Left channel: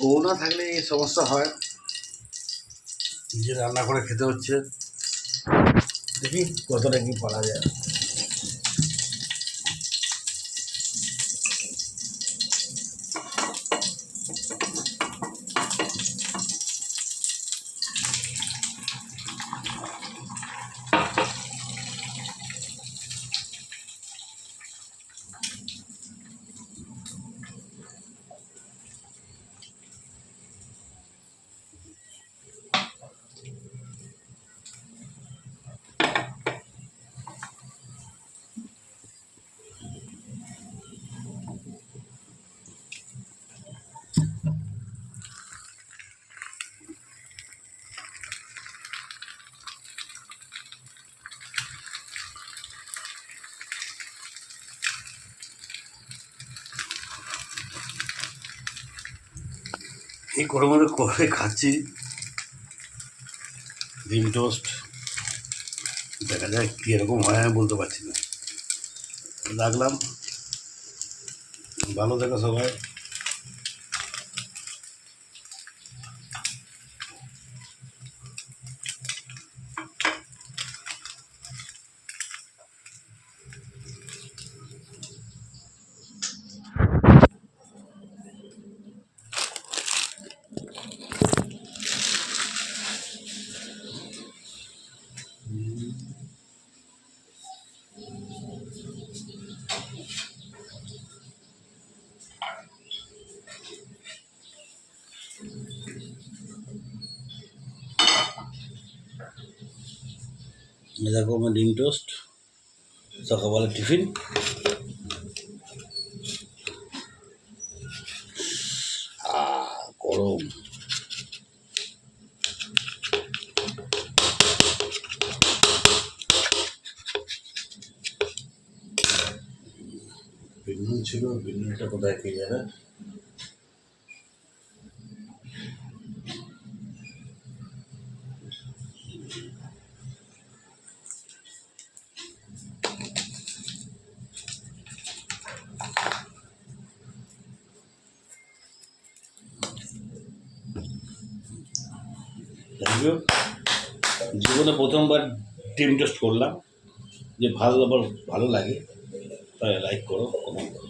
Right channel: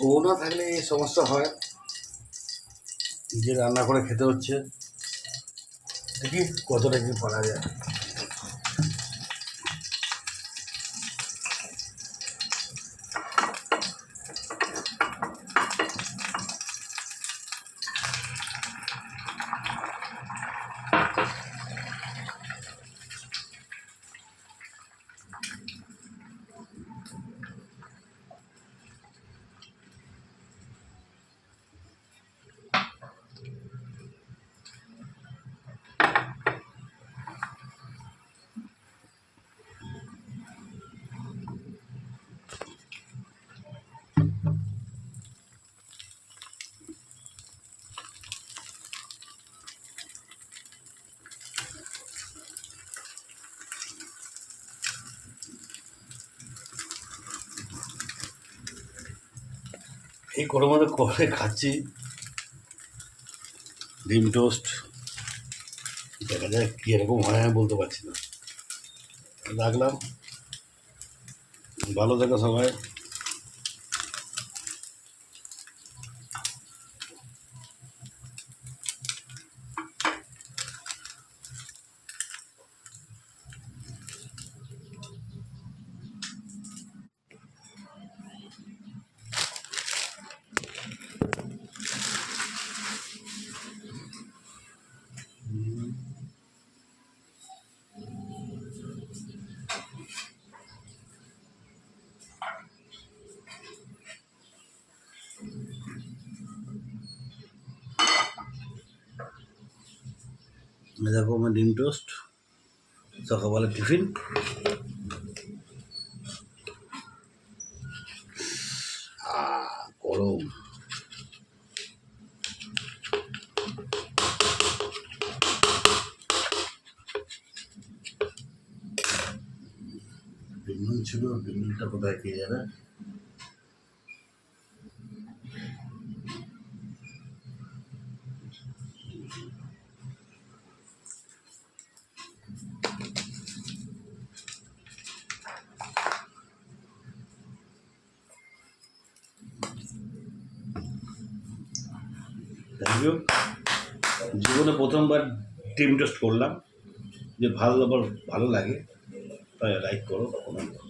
বউ না থাকলে এই সমস্যা হয়, নিজে রান্না করে খেতে হচ্ছে। দেখি কতটা কি পারা যায়। এই গরমের মধ্যে করে খাচ্ছি ডিম টোস্ট। দেখা যায় কীরকম হয় আমি বলতে পারছি না। রাখলাম, ভালো থেকো সবাই। দেখো আমার ডিম টোস্ট, সকালবেলা টিফিন। গরম বিনুন ছিল, বিনুনটা কোথায় খেয়ে যাবে। Thank you. জীবনে প্রথমবার ডিম টোস্ট করলাম, যে ভালো আবার ভালো লাগে, তাই লাইক করো, কমেন্ট করো।